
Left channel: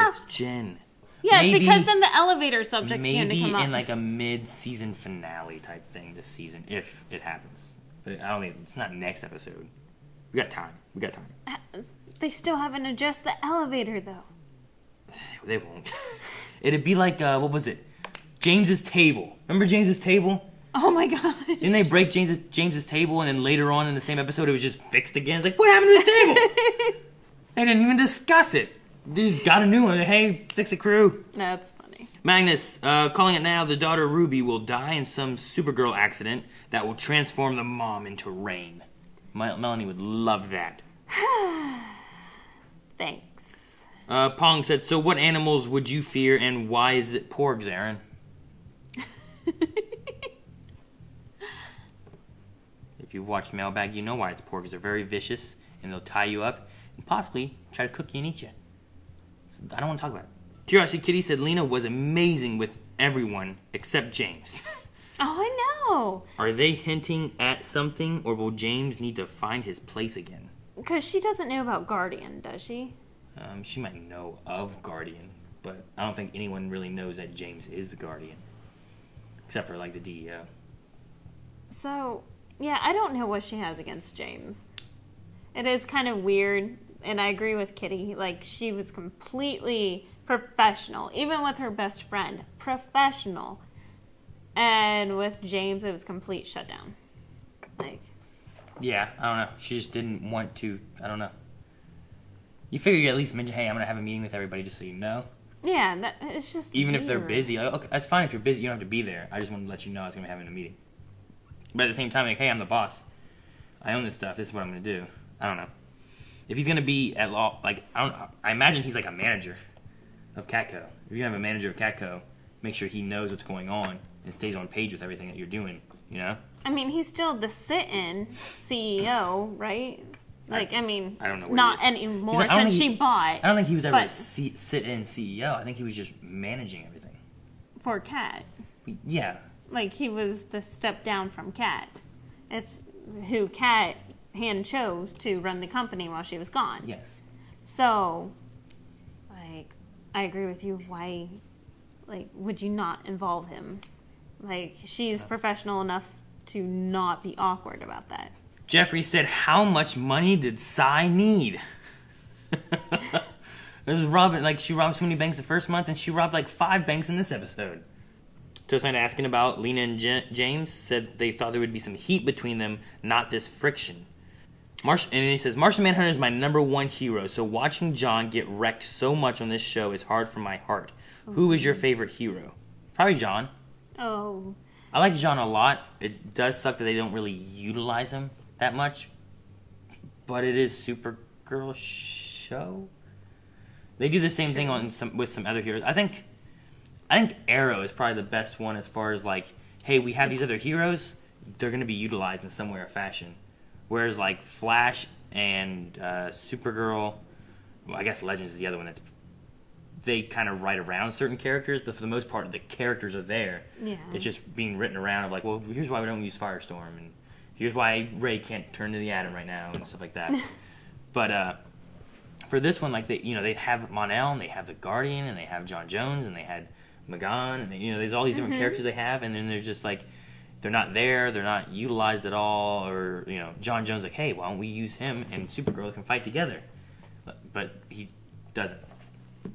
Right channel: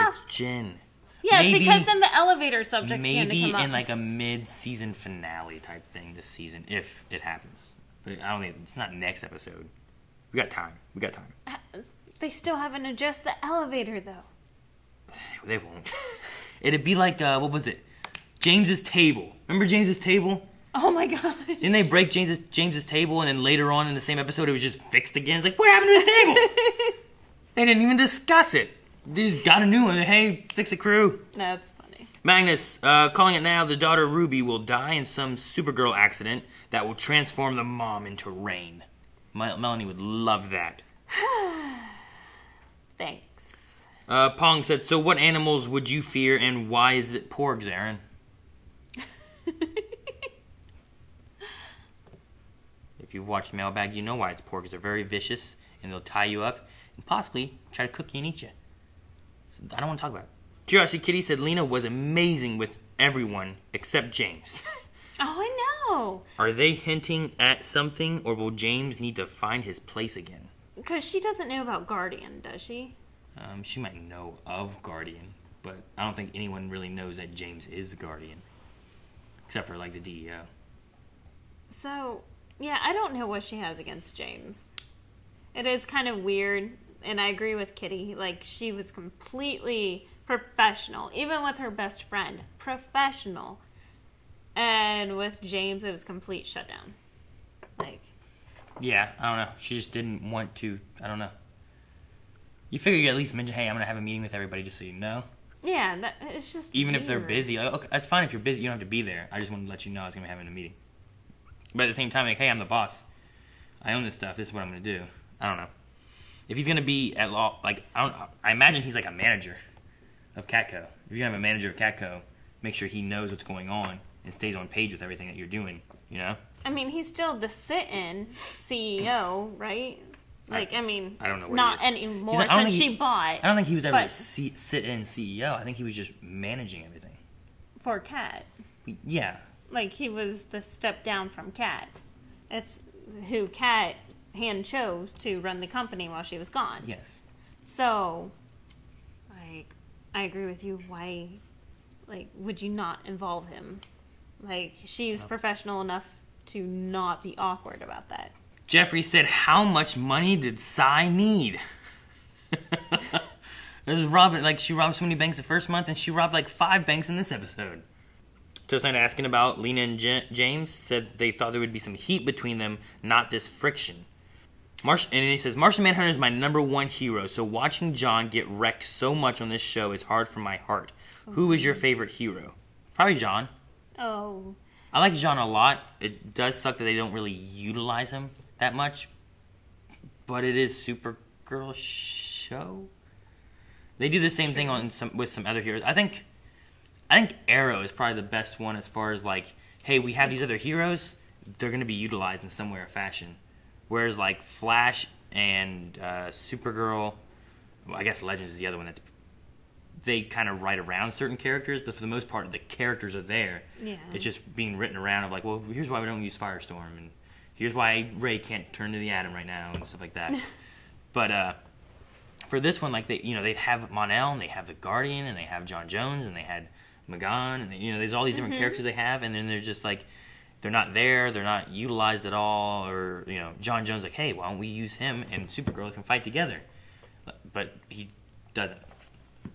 it's Jen. Yeah, maybe, it's because in the elevator subject's going to come up. Maybe in, like, a mid-season finale type thing this season, if it happens. But I don't think, it's not next episode. We got time. They still haven't adjusted the elevator, though. They won't. It'd be like, what was it? James's table. Remember James's table? Oh my god. Didn't they break James's table and then later on in the same episode it was just fixed again? It's like, what happened to his table? They didn't even discuss it. They just got a new one. Hey, fix it, crew. That's funny. Magnus, calling it now, the daughter Ruby will die in some Supergirl accident that will transform the mom into Rain. Melanie would love that. Thanks. Pong said, so what animals would you fear and why is it porgs, Aaron? If you've watched Mailbag, you know why it's porgs. They're very vicious and they'll tie you up and possibly try to cook you and eat you. So I don't want to talk about it. Curiosity Kitty said Lena was amazing with everyone except James. Oh, I know. Are they hinting at something or will James need to find his place again? Because she doesn't know about Guardian, does she? She might know of Guardian, but I don't think anyone really knows that James is the Guardian. Except for, like, the DEO. So, yeah, I don't know what she has against James. It is kind of weird, and I agree with Kitty. Like, she was completely professional. Even with her best friend. Professional. And with James, it was complete shutdown. Like... Yeah, I don't know. She just didn't want to, I don't know. You figure you at least mention, hey, I'm going to have a meeting with everybody just so you know. Yeah, it's just even weird. If they're busy. Like, okay, that's fine if you're busy. You don't have to be there. I just wanted to let you know I was going to be having a meeting. But at the same time, like, hey, I'm the boss. I own this stuff. This is what I'm going to do. I don't know. If he's going to be at law, like, I imagine he's like a manager of Catco. If you're going to have a manager of Catco, make sure he knows what's going on and stays on page with everything that you're doing, you know? I mean, he's still the sit-in CEO, right? Like, I mean, I don't know what not anymore since she bought. I don't think he was ever a sit-in CEO. I think he was just managing everything. For Cat. Yeah. Like, he was the step down from Cat. It's who Cat hand chose to run the company while she was gone. Yes. So, like, I agree with you. Why, like, would you not involve him? Like, she's professional enough to not be awkward about that. Jeffrey said, how much money did Sai need? This is robbing, like, she robbed so many banks the first month, and she robbed, like, 5 banks in this episode. Toastnight asking about Lena and James said they thought there would be some heat between them, not this friction. And he says, Martian Manhunter is my #1 hero, so watching John get wrecked so much on this show is hard for my heart. Who is your favorite hero? Probably John. Oh. I like John a lot. It does suck that they don't really utilize him that much. But it is Supergirl show. They do the same thing with some other heroes. I think Arrow is probably the best one as far as like, hey, we have these other heroes. They're going to be utilized in some way or fashion. Whereas like Flash and Supergirl, well, I guess Legends is the other one they kind of write around certain characters, but for the most part, the characters are there. Yeah. It's just being written around of like, well, here's why we don't use Firestorm, and here's why Ray can't turn to the Atom right now, and stuff like that. But for this one, like they have Mon-El, and they have the Guardian, and they have John Jones, and they had Magan, and there's all these different characters they have, and then they're just like, they're not there, they're not utilized at all, or John Jones like, hey, why don't we use him and Supergirl can fight together? But he doesn't.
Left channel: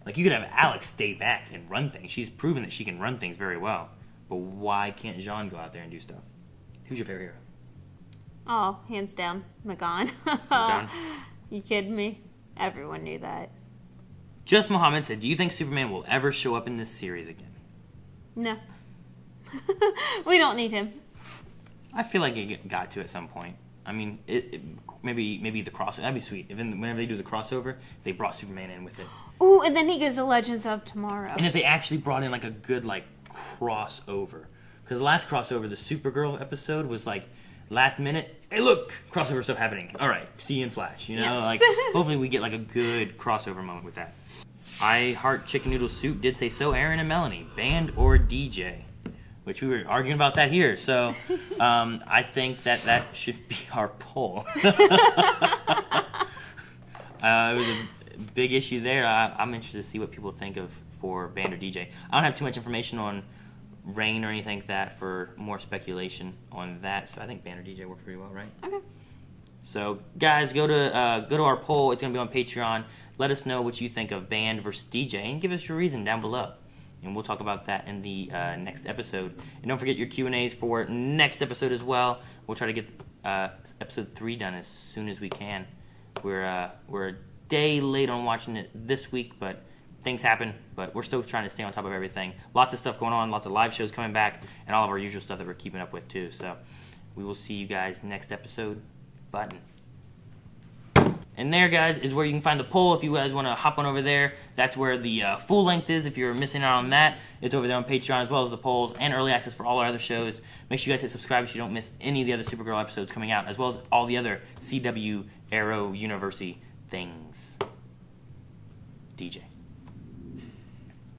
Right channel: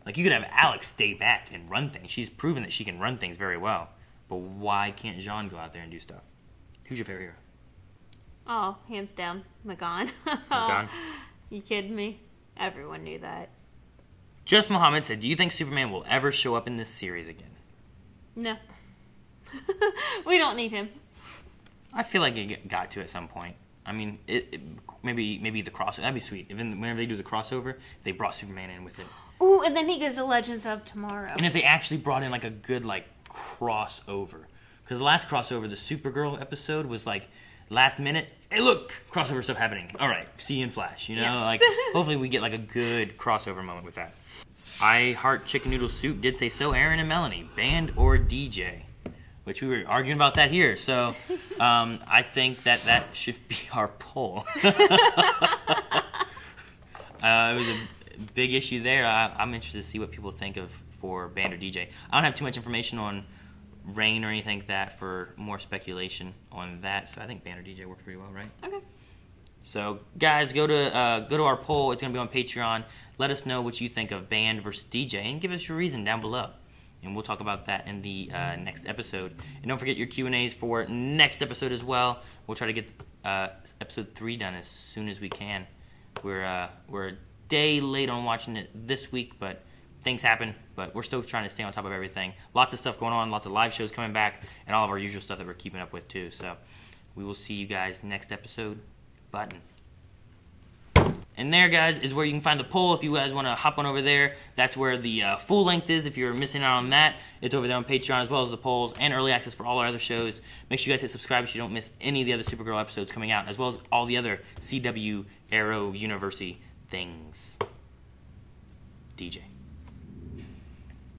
Like, you could have Alex stay back and run things. She's proven that she can run things very well. But why can't John go out there and do stuff? Who's your favorite hero? Oh, hands down, Magan. Magan? You kidding me? Everyone knew that. Just Muhammad said, do you think Superman will ever show up in this series again? No. We don't need him. I feel like it got to at some point. I mean, maybe the crossover. That'd be sweet. Whenever they do the crossover, they brought Superman in with it. Ooh, and then he goes to Legends of Tomorrow. And if they actually brought in like a good like crossover, because the last crossover, the Supergirl episode, was like last minute. Hey, look, crossover stuff happening. All right, see you in Flash. Yes. Like hopefully we get like a good crossover moment with that. I Heart Chicken Noodle Soup did say so. Aaron and Melanie, band or DJ? Which we were arguing about that here. So I think that should be our poll. It was a big issue there. I'm interested to see what people think of for band or DJ. I don't have too much information on Rain or anything like that for more speculation on that. So I think band or DJ worked pretty well, right? Okay. So guys, go to our poll. It's going to be on Patreon. Let us know what you think of band versus DJ, and give us your reason down below. And we'll talk about that in the next episode. And don't forget your Q&As for next episode as well. We'll try to get episode 3 done as soon as we can. We're a day late on watching it this week, but things happen. But we're still trying to stay on top of everything. Lots of stuff going on, lots of live shows coming back, and all of our usual stuff that we're keeping up with too. So we will see you guys next episode. Button. And there, guys, is where you can find the poll if you guys want to hop on over there. That's where the full length is if you're missing out on that. It's over there on Patreon, as well as the polls and early access for all our other shows. Make sure you guys hit subscribe so you don't miss any of the other Supergirl episodes coming out, as well as all the other CW, Arrow, University things. DJ.